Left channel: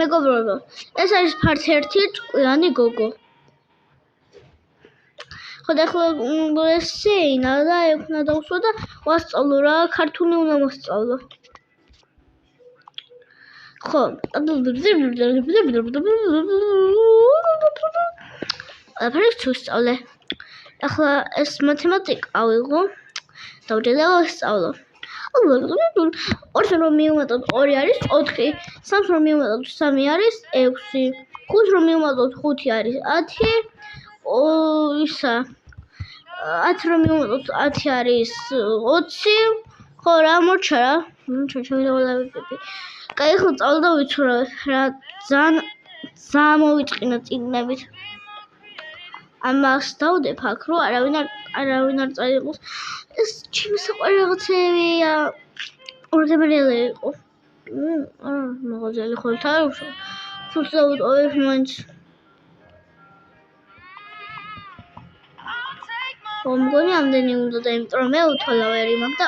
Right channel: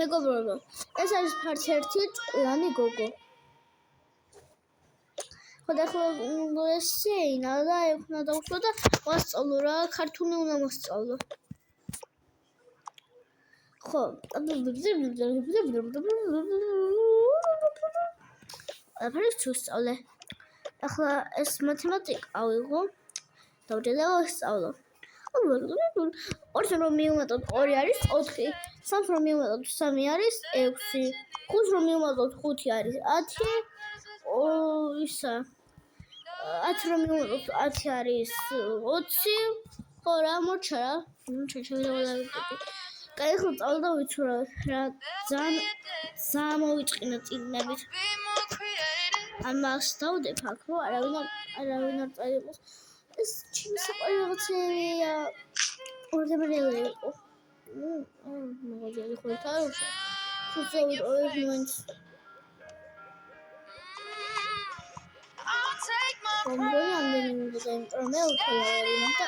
მეგობრებო, ეს არის ფარც ერთი ჭკვიანი გოგო. ხო და ახლა ესეინა და ექნა დავსვა და ვასწავლო რა, ქართული უნდა მოსწავლო. ხო. აფრიქს ვისწავლე. ახლა ეს მათემატიკა ავიღო. დავჭერდა ვისწავლო. 2 რომ მივუმატოთ 2 არის 4, 3 რომ მივუმატოთ 3 არის 6, 5 რომ მივუმატოთ 5 არის 10, ისა 10 რომ მივუმატოთ 10 არის 20, ხო რა მოჩა რა. ჩავიდავალავდი. კაი, ხო წავდა ვიცურავ რა ძალიან მოვიწყინა წიგნებით. ამას დავდებ აქ რომ არავინ არ წაიღოს. ეს ჩემი საყვარელი რაღაცებია. ორგემრიელი იყო. მაღაზიელი ხოლთ არ უშო. თუს დავუტოვებ მაინც. მგონი ამდენი უნდა და იმიტომ რომ მე უთვალავერი მაქვს და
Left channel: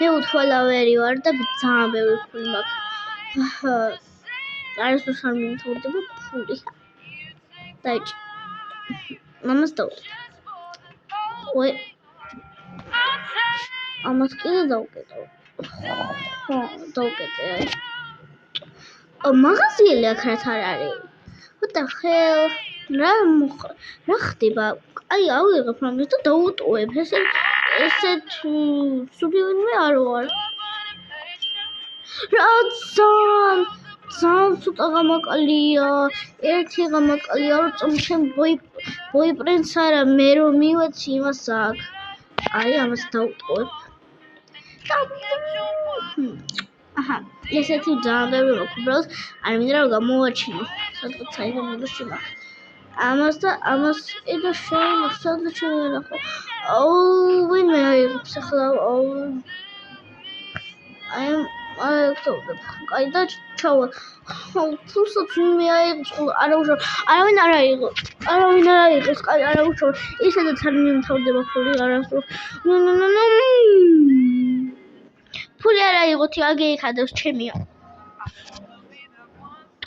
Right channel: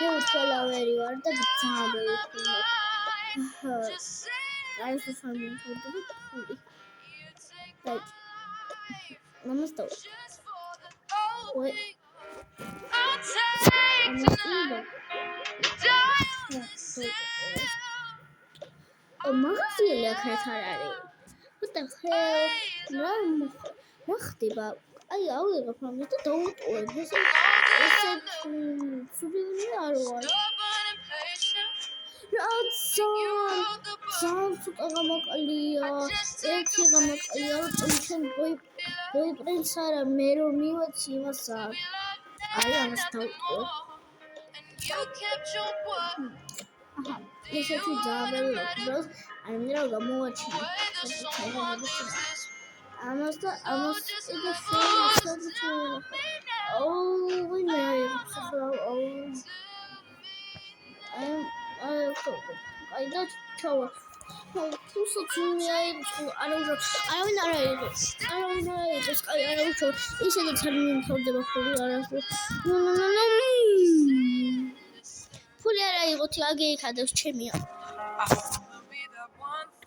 მე უთვალავერი ვარ და ძალიან ბევრი ფული მაქვს. არის თუ არ მიმთავრდება ფული. დაიჭი. მამას დავდებ. ой ამას კიდე დავკეთე. ხო, დავკეთე. მაღაზიელი აქ რაც არ არის. What the hell? რა ხდება? აი, ავიღებ რამეს და დავუტოვებ. ესეთ სულივინმე არ ვარ. რა ძალიან ცოტა გამაკალია. ერთი გამაკალია, რომ ჩემ boyfriends არა, მე რომ მივეცი იმას აქ. აი, ამას დავუტოვებ. აჰა, ესეთი ძალიან ბევრი მაქვს, უბრალოდ არ მინდა რომ გამოვაჩინო. სადღაც აიღებინებაშინა. ამას ედო სადღაც შემენახო. ვინმე აიღებს ახლა. აი, დავდებ. კაი და ჩავა. თუსაც ვინმე აიღებს, არავინ არ აიღებს. კაი, არა უშო. ისედაც არ მიმთავრდება ფული, არასდროს. ფული არ აიღოთ, აგე იქადებს ჩემია.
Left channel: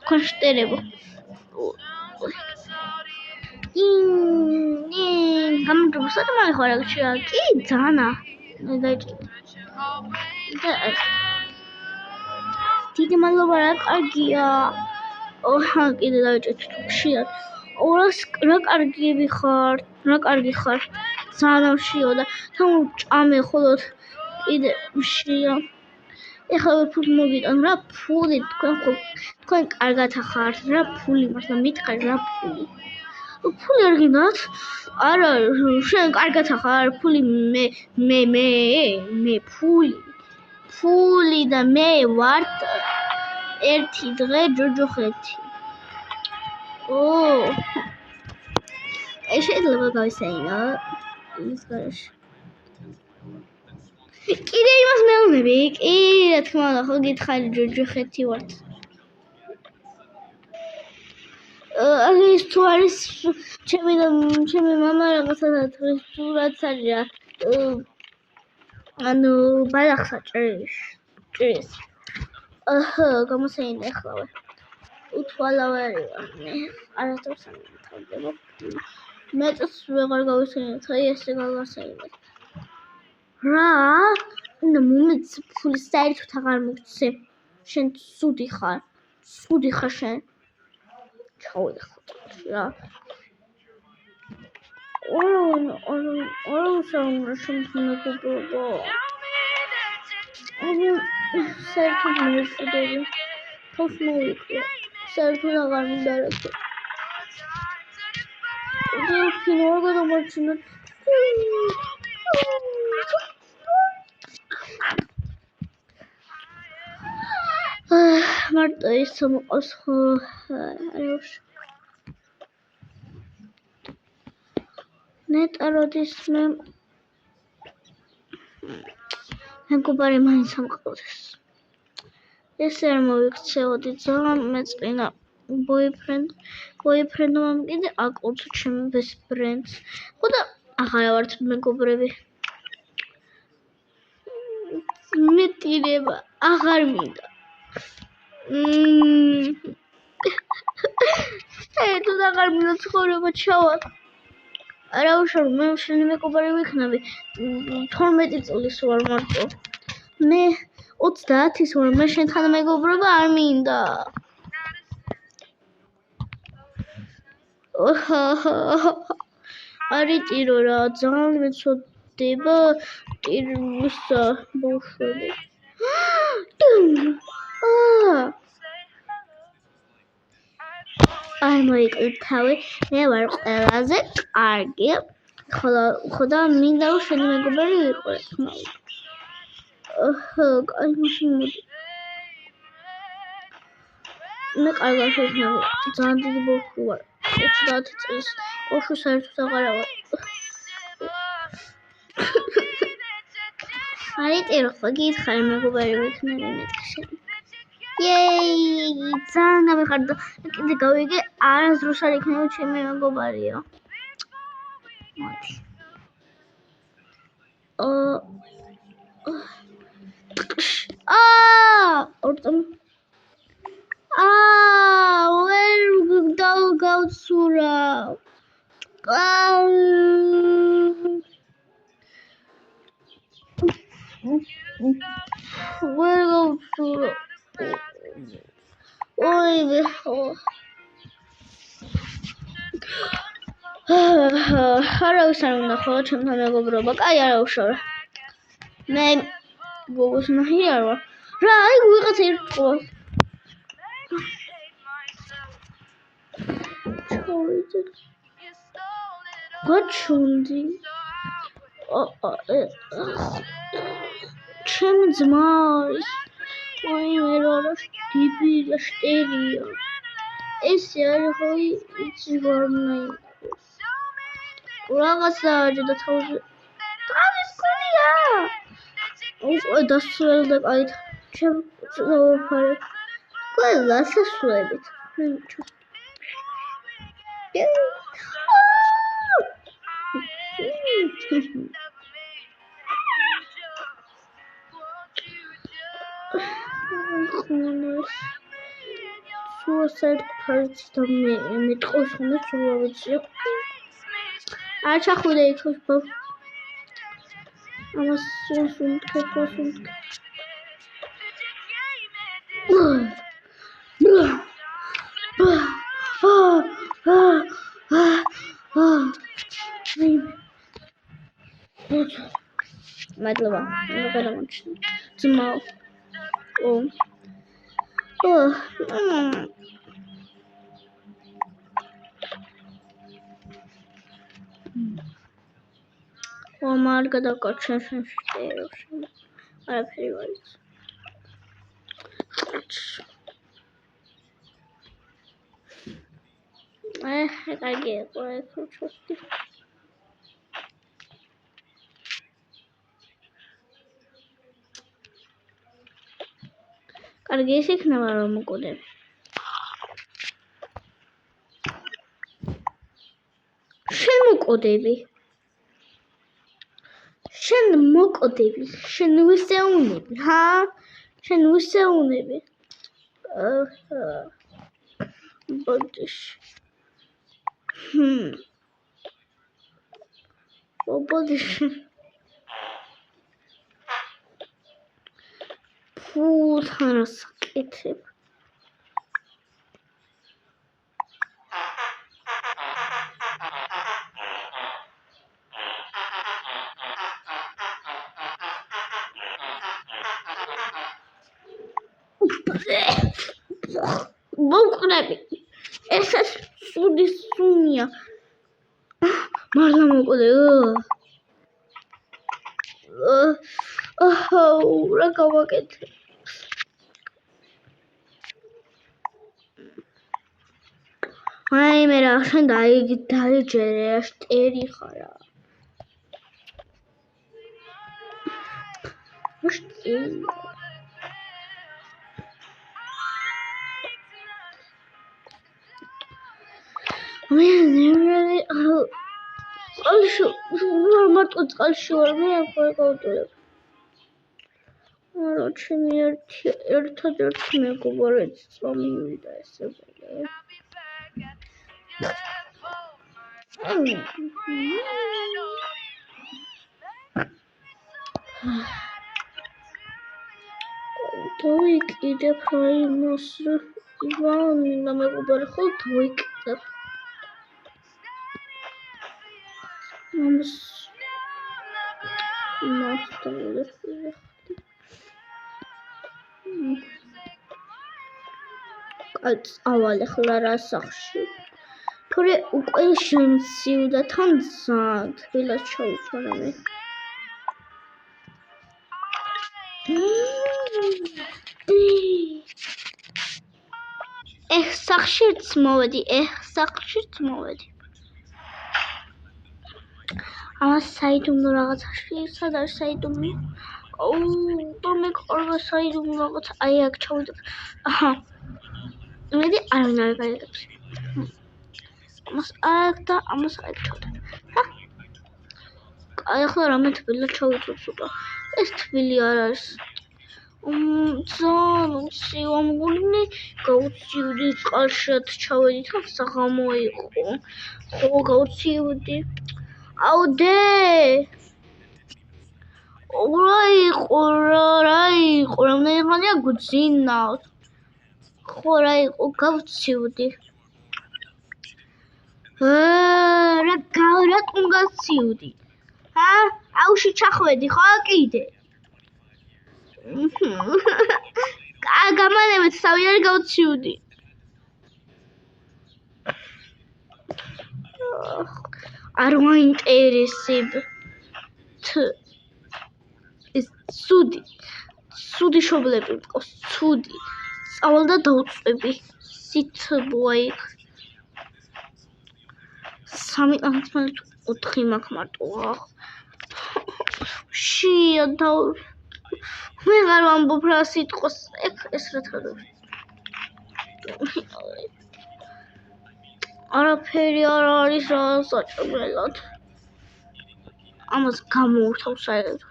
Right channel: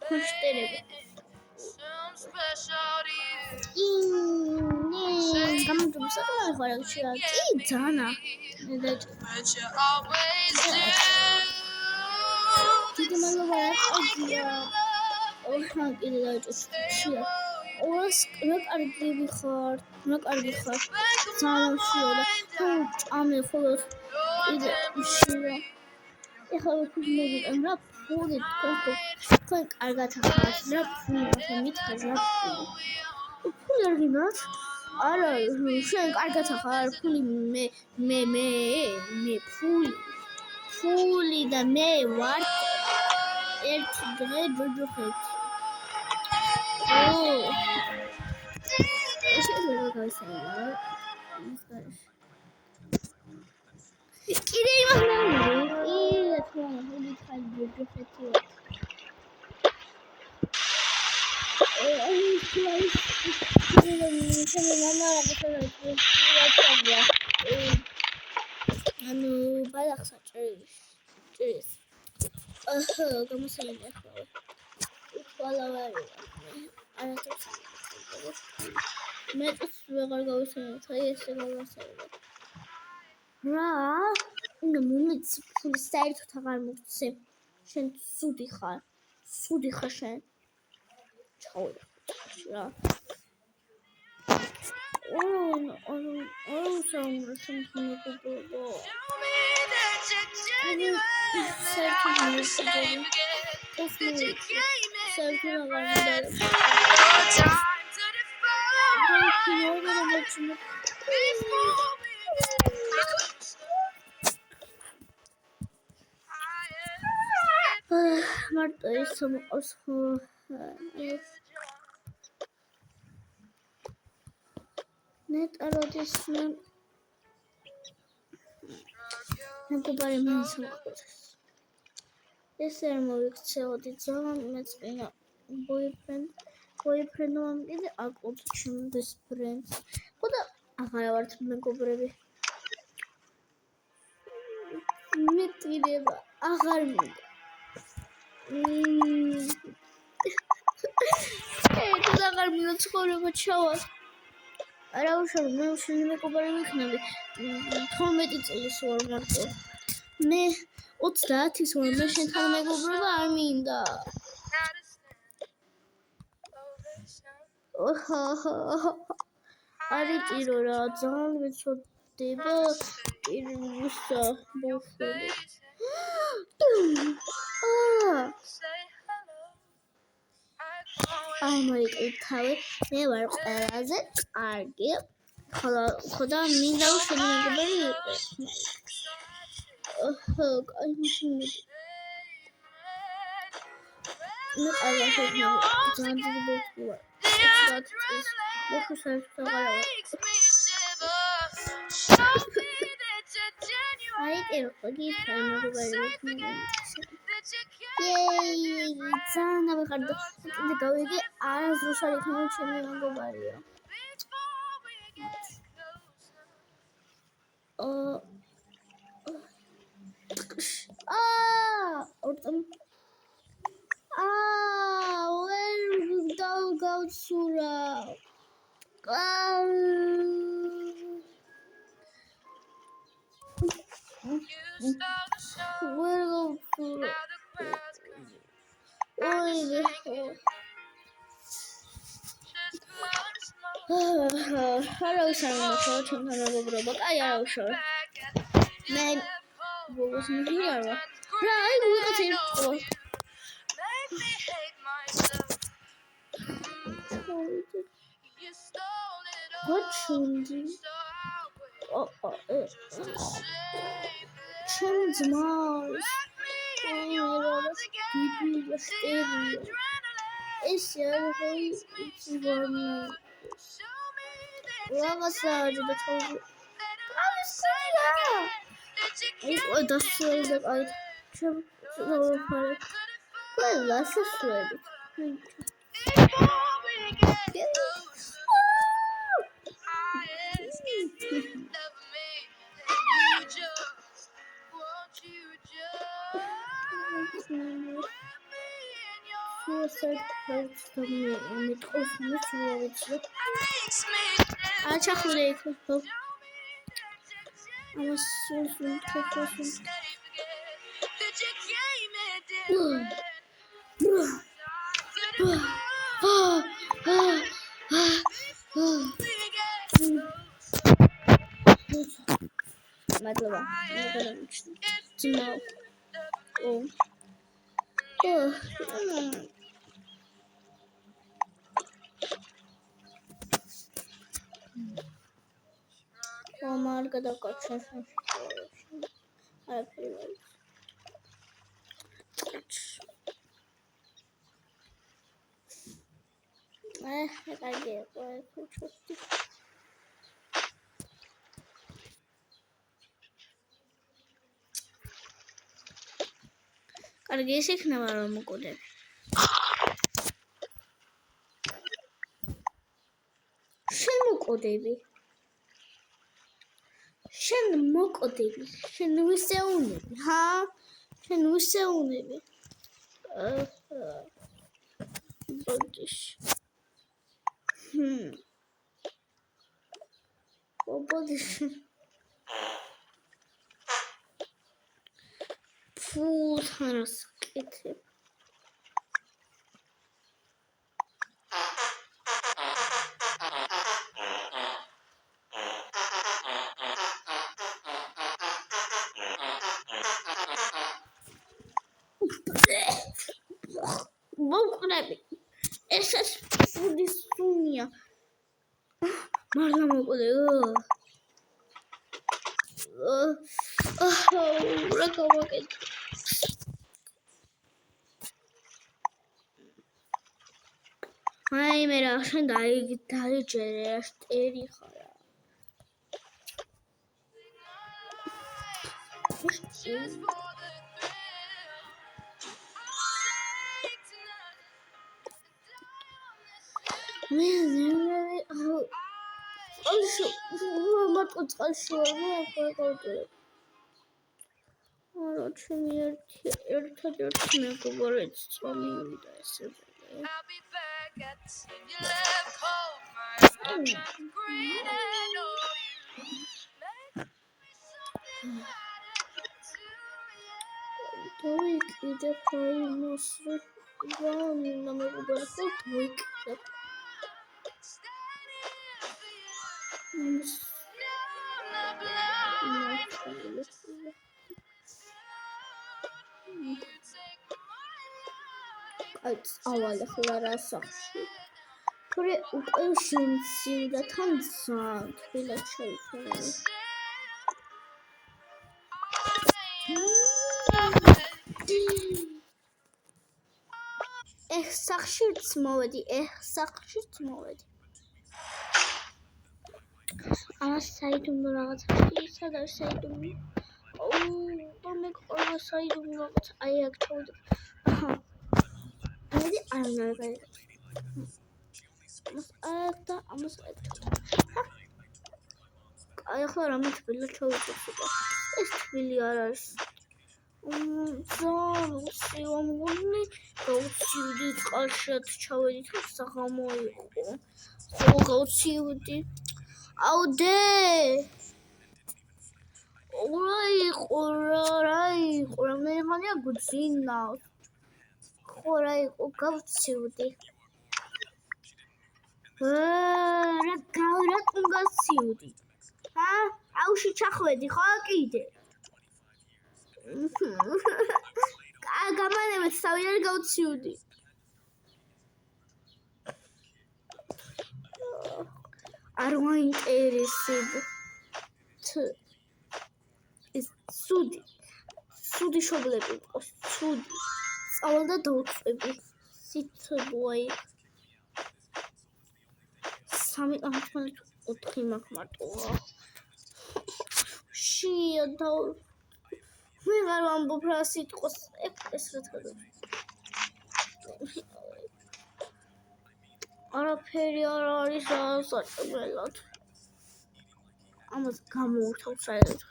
კონშტერებო. გამარჯობა, საქმე ხარ აქ? კი, ძანა. დიდი მადლობა, რა კარგია. ოჰა, კიდე დავიჭერთ შია. რა კარგი ხარ. ძალიან შიო და ჭამე ხოლოდ კიდე შია. ეხლა ფული მოგიტან რა ფული თქვენ კარგად ახართ რა ფული მართლა მითხარ რა ფული არ გინდათ არა შენ კარგად ახარ ფული მე ფული და მე ვარ ერთი დღე ჯოჯოხეთი შეიძლება გავისაინო ის გარშ კიდე იმას მეუბნები, კი, რა თქმა უნდა, ხო გითხარი ჯოჯოხეთი ვართ. ის თუ არის ჩემი მამა რაღაცა ფულაცარია. ანუ ბალახს ჭრის. აჰა, გამოსაინდა ახლავე. უთვალავერი ვარ მე. არასდროს არ მიხდება. მეტს ვეღარ გავისაინებ, აი ესე გავასაინებ. რა? უნდა მომეც ფული საერთოდ აღარ მოგცე. შენ სუდი ხარ შენ. ჩავიდეხოთ რა. საუნდა შემთხვევებობა. საერთოდ მოვიწყდები. თავს მოვიწყე. საერთოდ აღარ მინდა. როგორ გამოვჩინო? მარტო ის მოყავს ხო ნეტა როდის მე მეგობარი მაინც ამყავდეს ესე არ მოვიქცეოდი ძალიან მეწყინა boyfriend-მა კიდე აკუთო ჩემი best friends ხო და აღარ ვართ მეგობრები მეტირება აღარ მინდა არ მინდა ცხოვრება ჩავალ. არა უშავ მე შენი მეგობარი ვიქნები 12 წლის ვარ მარტო მე 30-ის ვარ მე შენთან მეგობრობა არ მინდა არიტირო რა ძალიან მეწოდება ტირმისა ბავშვები არ მოიკლებ თავი მე ვარ ყველაზე კარგი ხოდა მინდა შენი მეგობარი ვიყო კაი მაშინ მოდი მე კარგად ვიქნები ძალიან დიდი ბავშვი ვარ 30 წლის ბავშვი საერთოდ აღარა ვარ არიტირო ხო გითხარი მეგობარი ვიქნები მეთქი ძალიან გამიხარდა კიდე გავიგე არასდროს არ იქნება ჩემი მეგობარიო მოდი ვერ გავცურა ვერ გავცურა ოივე არავის არ უნდა ხოლო ჩემთან მეგობრობა კაი არა უშავე მე გოგოს ნაირი არ ვარ რა აი ვიღაც ერთხვა გაჩუნდი ჩემ ძმას ვაიმე რა დიბილა შტერია ესე არ ხოი იცი ვარნაი რაღაცა აჯდა თავზე თავის კულია უკვე დასრულდა კაი ჩემ ვაფარე ყველა სასულებით suicide parts და მე ტყოს ხომ სულ ვიცი არ ჩახურე იქ ამას სულ თქოს მადლობა მოგადამოჩნდა ძმაო მარ გადავკარჩენ შენში არაფერი ვარ იცი კარგი იყო ჩოსტი კარგი ის იქნება რომ მოკოდები შენ მოკოდები შენ ვისეუნები ჰა შენ ვისეუნები ბოდიშ ბოდიშ ფუთან საკეთებ მოკრები ესეც უდისუნია მარლა მოკოდე რა გავაკეთე აი მე რა შენ დაიჯერე რა შტერი ხარა მარტო წყალში ვარ მე ახლა გავუტოლებ არა ჩემი ერთადერთი მეგობარიც წამივიდა ესე დავიკიდებ რაიმოს ივანა მეგობარი ხო დავიკიდებ ამას ავალ ახლა რა სახში თორე უკვე შემცივდა თან ძალიან თბილად ჩავიცვალე მე სახშიც მოვედი ამას საიდუმლო რაღაცაში სად არის საიდუმლო და მე ყოლა საიდუმლო რაღაც აი აქ ჩავიდე აჰა მედი არავინ არ გაიგებს ამას აქ და ამას აქ ჩავიდე აი ახლა რამე თბილად ჩავიწევ სულა ეს თბილი არ არის ძალიან უცივ ამგონი გავუცივდი წყალშად ჩავედი თან საღამო იყო გავუცივდი აუდე რა იყო რამდენი ხანია გძინავს ხო რა იყო გავუცივდი რატომ გავცივდი აუში ჩახვედი ხო კიდე გამანებით თავი არ გავცივდი არ მაინტერესებთ ეს ცუდი შობლები მყავს ცუდი წავალ და დავწვევი სითბოა იქ 3 ამთმალე 4 მაქვს მარტოა შია და მე არ ვამბობ რა სიტყვას ეს რა თქმა არაფერი არ არის საჭმელად ამას გამოვთავ საერთოდ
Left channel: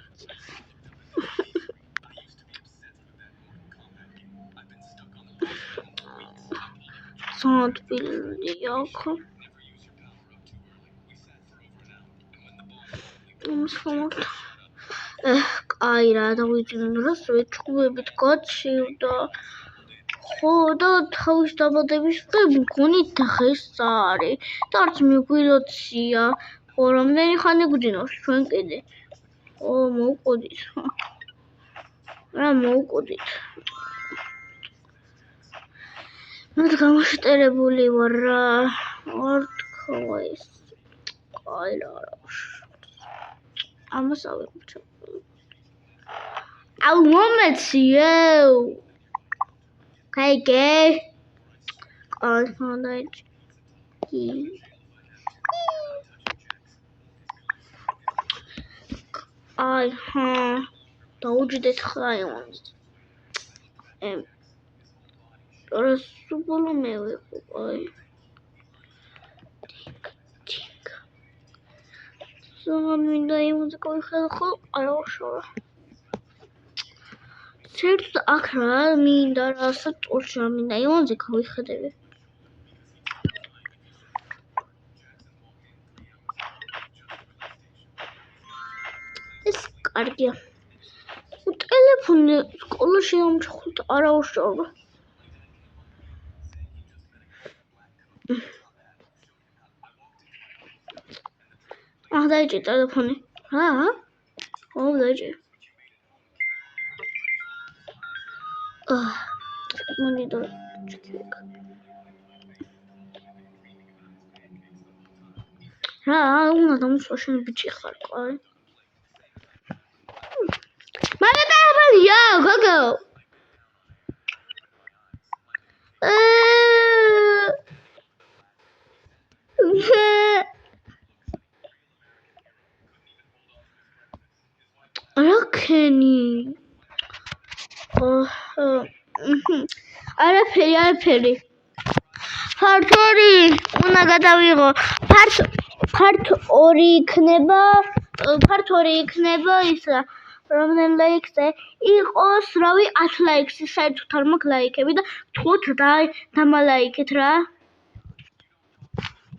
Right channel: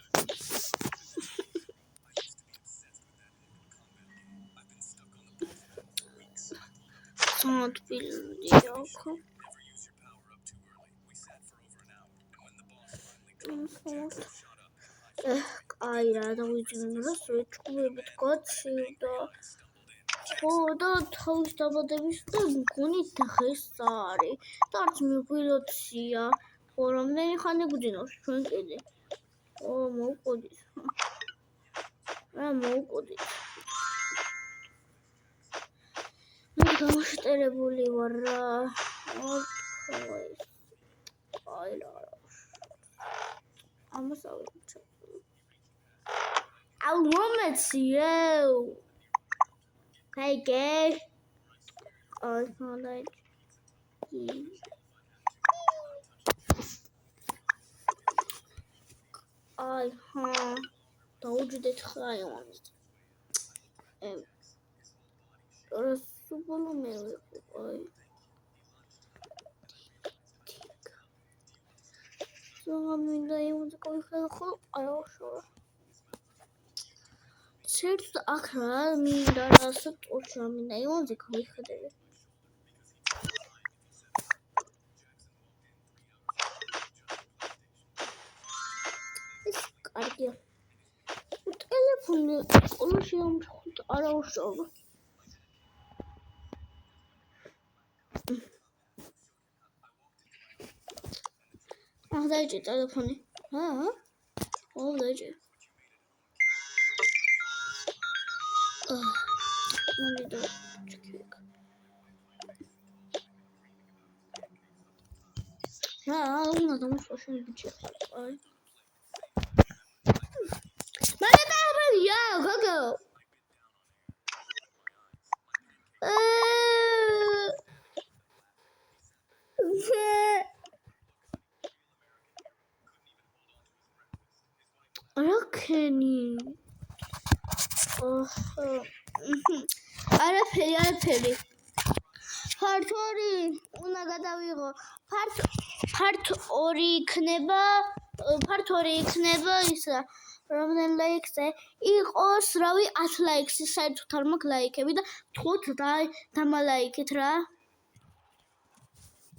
სანტბილი აქ აი რა დავიძინო რა სვეჩუბებით გაჩივდა ხო და თავის დაბადების დღე მგონი დღეს არის და არც მიგვიროცია ხო რამდენი ხანი გვძინავს ჩვენ კიდე ო მოვყოდით რა მოვყოდით მე გამოშტერებული ვარ რა არ თქვა ეს აი რა ამას ავიღე აუ მომეციო კაიგე აი ხანდაიჭი აი დაუჯდეთ ხაიმონს რა სუბოლო მე ვიყო აი ზოგადად მინდა იმუზიკა ვიხედა ხო არა უშორა საერთოდ აქ რა მინდა რასაც წურში რა მინდა იმუზიკა ვიხედები ეს კარგია ტელეფონი სკოლაში ამჩხოთ არა უშორა დაიჭი ტელეფონი რა დაიჭი მონიტორ რა უნდა დამსვაშენ ბიჭი ხარ ყავი მალე გააბალია გოგო რაკენი არაფერი ფართორი უნდა გადავიღო ფართორი იქნება ისა რომნენ ლაიქზე იყოს რავი 10 ლაიქს საერთოდ არ მაქვს ლაიქები და თქვათ დამალაიქეთ რა